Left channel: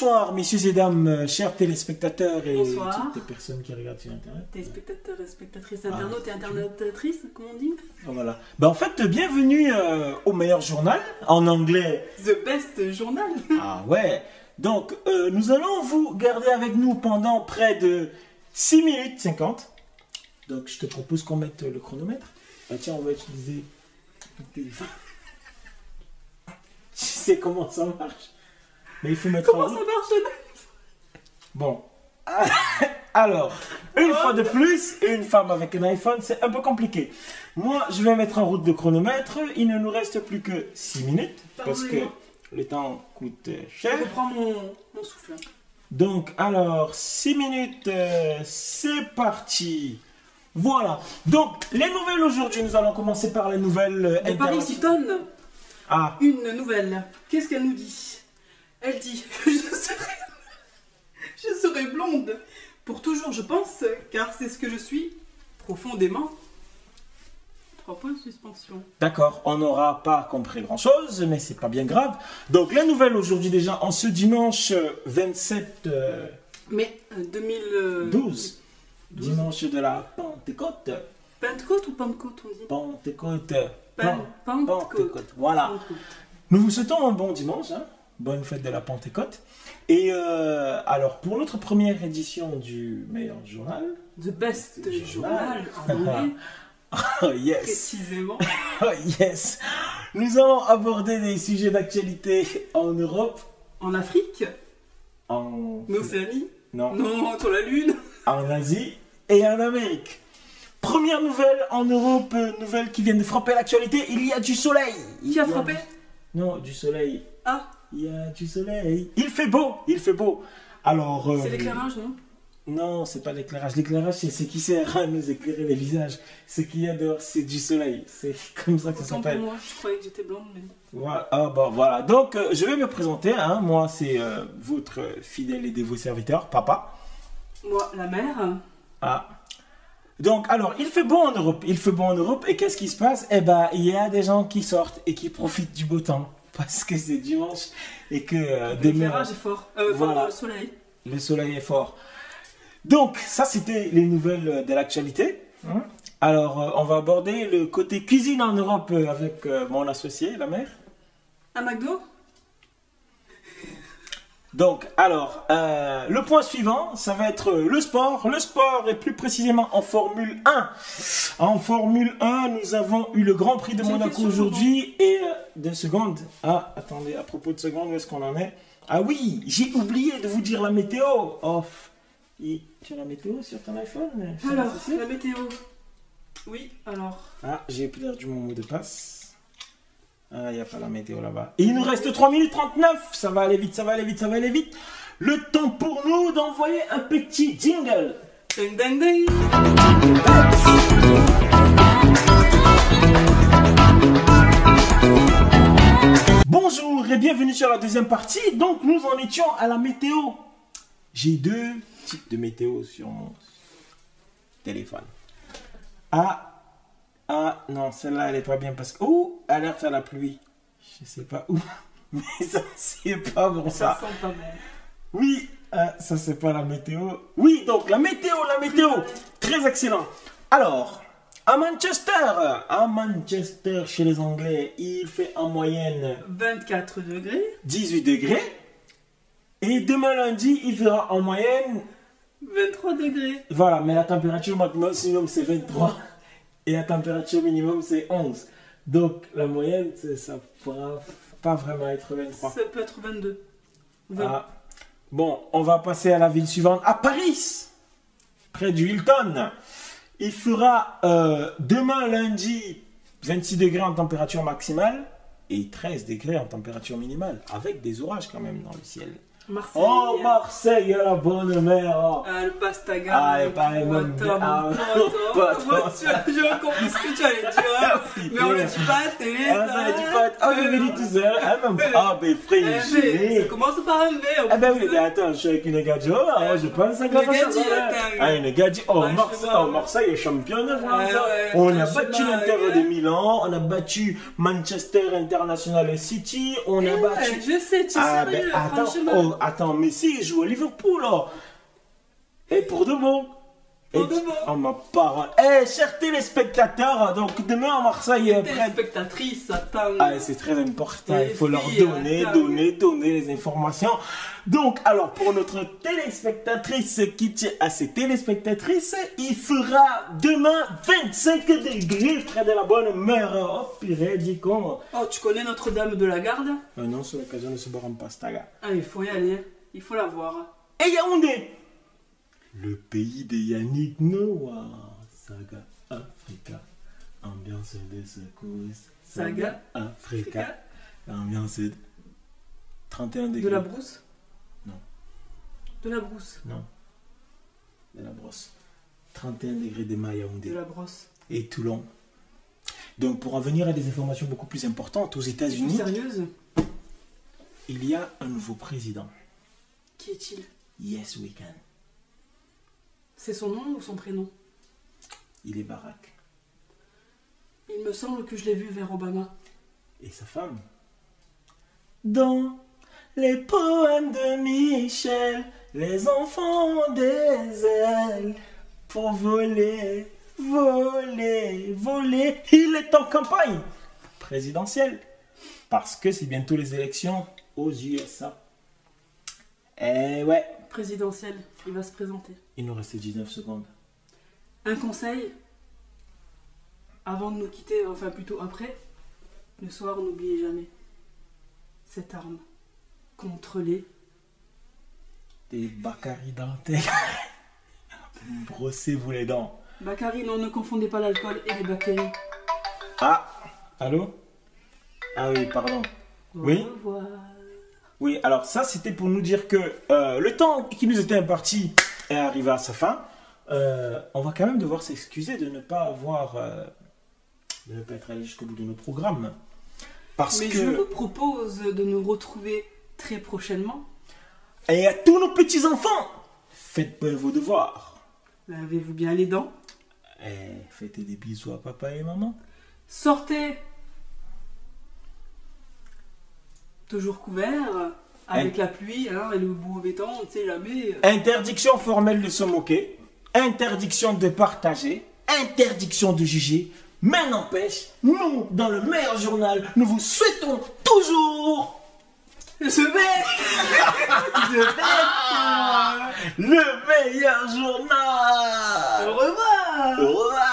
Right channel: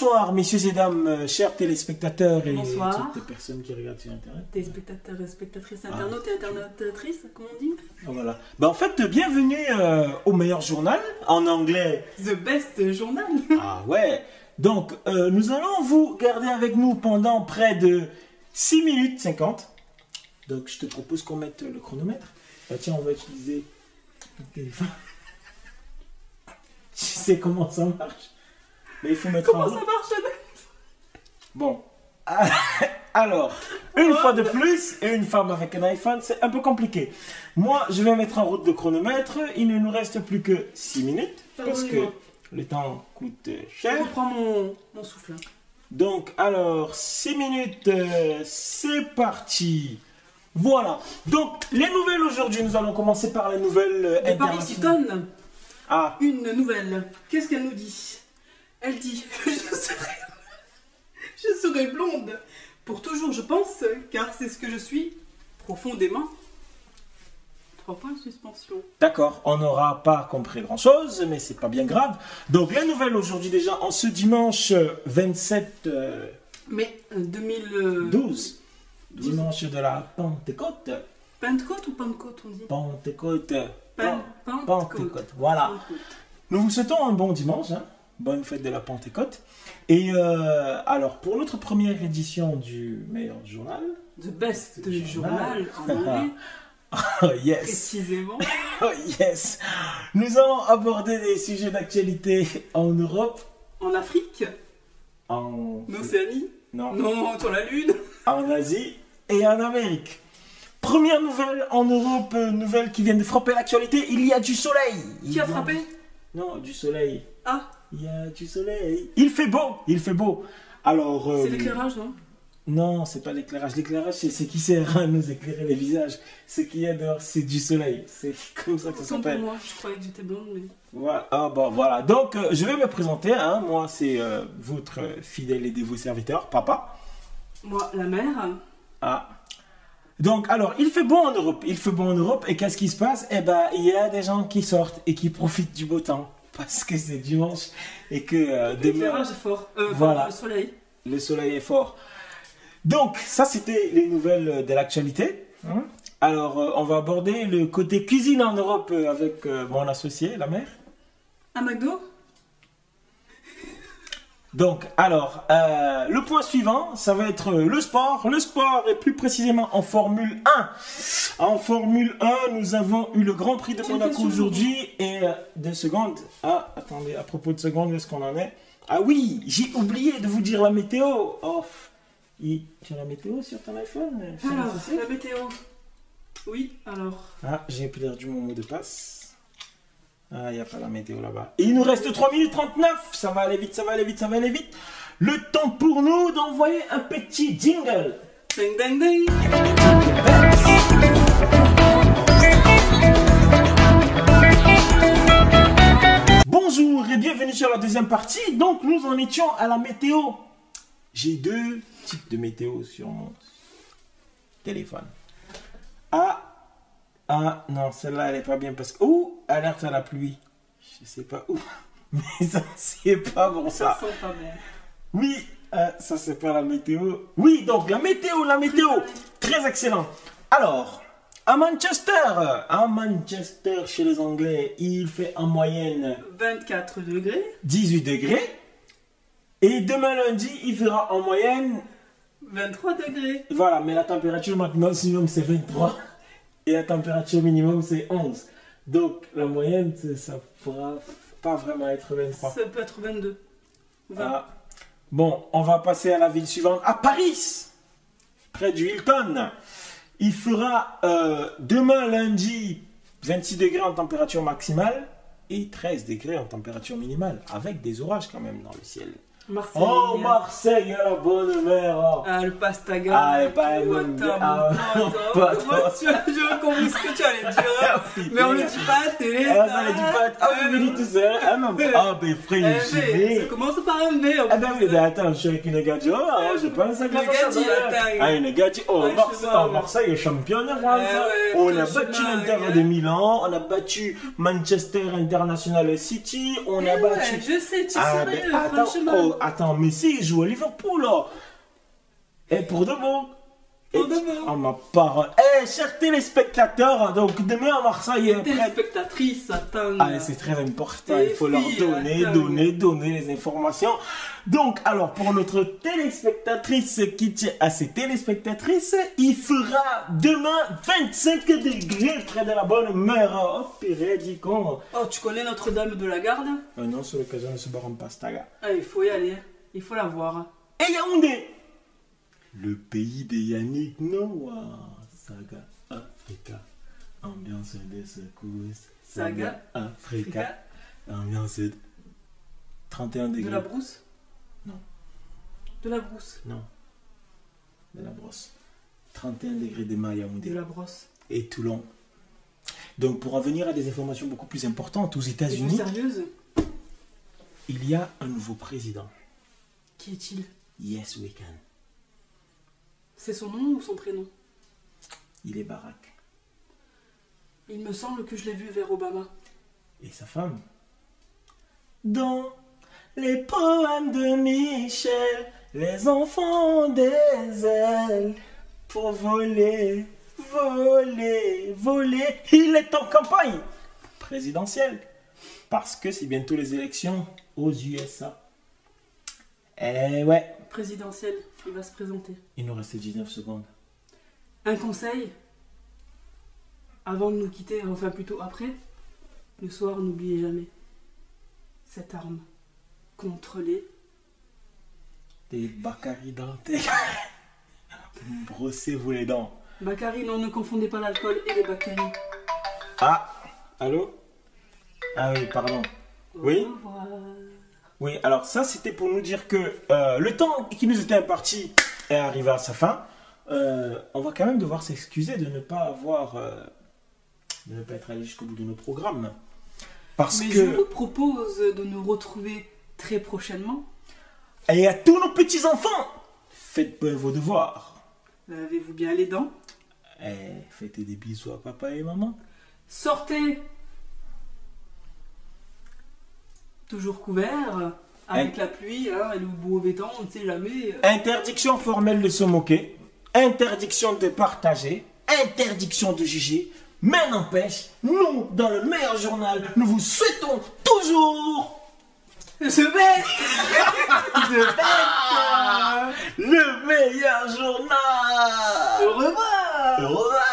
Bonsoir, messieurs et dames, chers téléspectateurs et Bonsoir. toutes les personnes qui regardent sur Internet. Téléspectateurs et spectatrices, internautes et internautrices, comme on dit. Voilà. En fait, bienvenue au meilleur journal, en anglais. The Best Journal. Ah ouais. Donc, nous allons vous garder avec nous pendant près de 6 minutes 50. Donc, je te propose qu'on mette le chronomètre. Ah, tiens, on va utiliser le téléphone. Tu sais comment ça marche. Mais il faut mettre Comment en ça route. marche? Bon. Alors, une fois de plus, une femme avec un iPhone, c'est un peu compliqué. Moi, je vais mettre en route le chronomètre. Il ne nous reste plus que 6 minutes. Parce que le temps coûte cher. Je reprends mon souffle. Donc, alors, 6 minutes, c'est parti. Voilà. Donc, les nouvelles aujourd'hui, nous allons commencer par les nouvelles De Paris internationales. Hilton, Ah, une nouvelle. Qu'est-ce qu'elle nous dit? Elle dit je serai blonde pour toujours, je pense, car c'est ce que je suis profondément. 3 points de suspension. d'accord, on n'aura pas compris grand-chose, mais c'est pas bien grave. Donc, les nouvelles aujourd'hui déjà, en ce dimanche 27 Mais 2012. 12, dimanche de la Pentecôte. Pentecôte ou Pentecôte, on dit? Pentecôte. Pentecôte. Pentecôte. Voilà. Pentecôte. Nous vous souhaitons un bon dimanche, hein. Bonne fête de la Pentecôte. Et alors, pour notre première édition du meilleur journal, The Best Journal en anglais, oh yes, précisément. oh yes, nous allons aborder des sujets d'actualité en Europe, En Afrique, en, en Océanie, non, non, sur la Lune. en Asie et en Amérique. Première nouvelle en Europe, nouvelle qui vient de frapper l'actualité, il y a du soleil. Qui a frappé? Non, du soleil. Ah, Il y a du soleil. Il fait beau, il fait beau. Alors, c'est l'éclairage, non? non, c'est pas l'éclairage. L'éclairage, c'est ce qui sert à nous éclairer les visages. Ce qu'il y a dehors, c'est du soleil. C'est comme ça que ça Autant pour s'appelle. moi, je croyais que j'étais blonde, mais... Voilà. Ah, bah, voilà. Donc, je vais me présenter. Hein. Moi, c'est votre fidèle et dévot serviteur, papa. Moi, la mère. Ah. Donc, alors, il fait beau en Europe. Il fait beau en Europe. Et qu'est-ce qui se passe? Eh ben, il y a des gens qui sortent et qui profitent du beau temps. Parce que c'est dimanche et que demain, L'éclairage est fort. Voilà. Le soleil. le soleil est fort. Donc, ça, c'était les nouvelles de l'actualité. Hein. Alors, on va aborder le côté cuisine en Europe avec mon associé, la mère. Un McDo? Donc, alors, le point suivant, ça va être le sport. Le sport, et plus précisément en Formule 1. En Formule 1, nous avons eu le Grand Prix de J'ai une Monaco question aujourd'hui. Et 2 secondes. Ah, attendez, à propos de secondes, où est-ce qu'on en est? Ah oui, j'ai oublié de vous dire la météo. Oh, et tu as la météo sur ton iPhone? Alors, la météo. Oui, alors. Ah, j'ai perdu mon mot de passe. Ah, il n'y a pas la météo là-bas. Et il nous reste 3 minutes 39. Ça va aller vite, ça va aller vite, ça va aller vite. Le temps pour nous d'envoyer un petit jingle. Ding, ding, ding. Bonjour et bienvenue sur la deuxième partie. Donc, nous en étions à la météo. J'ai 2 types de météo sur mon téléphone. Ah, non, celle-là, elle est pas bien parce que... Oh, alerte à la pluie. Je sais pas où, mais ça, c'est pas bon, Ça ça. sent pas bon. Oui, ça, c'est pas la météo. Oui, donc, la météo. Très excellent. Alors, à Manchester, chez les Anglais, il fait en moyenne 24 degrés. 18 degrés. Et demain lundi, il fera en moyenne... 23 degrés. Voilà, mais la température maximum, c'est 23. Et la température minimum, c'est 11. Donc, la moyenne, ça pourra pas vraiment être 23. Ça peut être 22. 20. Ah. Bon, on va passer à la ville suivante, à Paris, près du Hilton. Il fera demain lundi 26 degrés en température maximale et 13 degrés en température minimale, avec des orages quand même dans le ciel. Marseille. Oh, Marseille, la bonne mère. Oh. Ah, le pastaga. Ah, et pas même. Comment j'ai compris ce que tu allais dire. Mais on le dit pas à la télé. Ah, ça le dit pas. Ah, vous me dites tout seul. Ah, même. Ah, ben, frère, Ça commence par un V. Ah, ben oui, mais attends, je suis avec une gadji. Oh, je pense à Une gadji, attends. Ah, une gadji. Oh, Marseille est championne de France. On a battu l'Inter de Milan. On a battu Manchester International City. On a battu. Je sais, tu sais, attends, franchement. oh, attends, Messi joue à Liverpool, là. Et pour de bon. Pour de bon. Oh, ma parole. Chers téléspectateurs, donc demain à Marseille. Téléspectatrice, attends. Ah, c'est très important. Les Il faut leur filles, donner les informations. Donc, alors, pour notre téléspectatrice qui tient à ses téléspectatrices, il fera demain 25 degrés près de la bonne mer. Oh, purée, dis con. Oh, tu connais Notre-Dame de la Garde? Non, c'est l'occasion de se boire en pastaga. Ah, il faut y aller. Il faut la voir. Et Yaoundé, le pays de Yannick Noah. Saga Africa, ambiance de secousses. Saga Africa, ambiance de 31 degrés. De la brousse? Non. De la brousse? Non. De la brosse. 31 degrés de Yaoundé. De la brosse. Et Toulon. Donc, pour en venir à des informations beaucoup plus importantes, aux Et plus États-Unis, sérieuse? il y a un nouveau président. Qui est-il? Yes, we can. C'est son nom ou son prénom? Il est Barack. Il me semble que je l'ai vu vers Obama. Et sa femme. Dans les poèmes de Michel, les enfants ont des ailes pour voler, voler, voler. Il est en campagne présidentielle parce que c'est bientôt les élections aux USA. Eh ouais. Présidentielle, il va se présenter. Il nous reste 19 secondes. Un conseil, avant de nous quitter, enfin plutôt après, le soir, n'oubliez jamais cette arme contre les... Des Bakary dentelles. Brossez-vous les dents. Bakary, non, ne confondez pas l'alcool et les bactéries. Ah, allô? Ah oui, pardon. Oui? Au revoir. Oui, alors ça c'était pour nous dire que le temps qui nous était imparti est arrivé à sa fin. On va quand même devoir s'excuser de ne pas avoir, de ne pas être allé jusqu'au bout de nos programmes. Parce Mais que... je vous propose de nous retrouver très prochainement. Et à tous nos petits-enfants, faites bien vos devoirs. Lavez-vous bien les dents. Faites des bisous à papa et maman. Sortez toujours couvert, avec la pluie, hein, et le mauvais temps, on ne sait jamais. Interdiction formelle de se moquer, interdiction de partager, interdiction de juger, mais n'empêche, nous, dans le meilleur journal, nous vous souhaitons toujours le meilleur journal. Au revoir. Au revoir.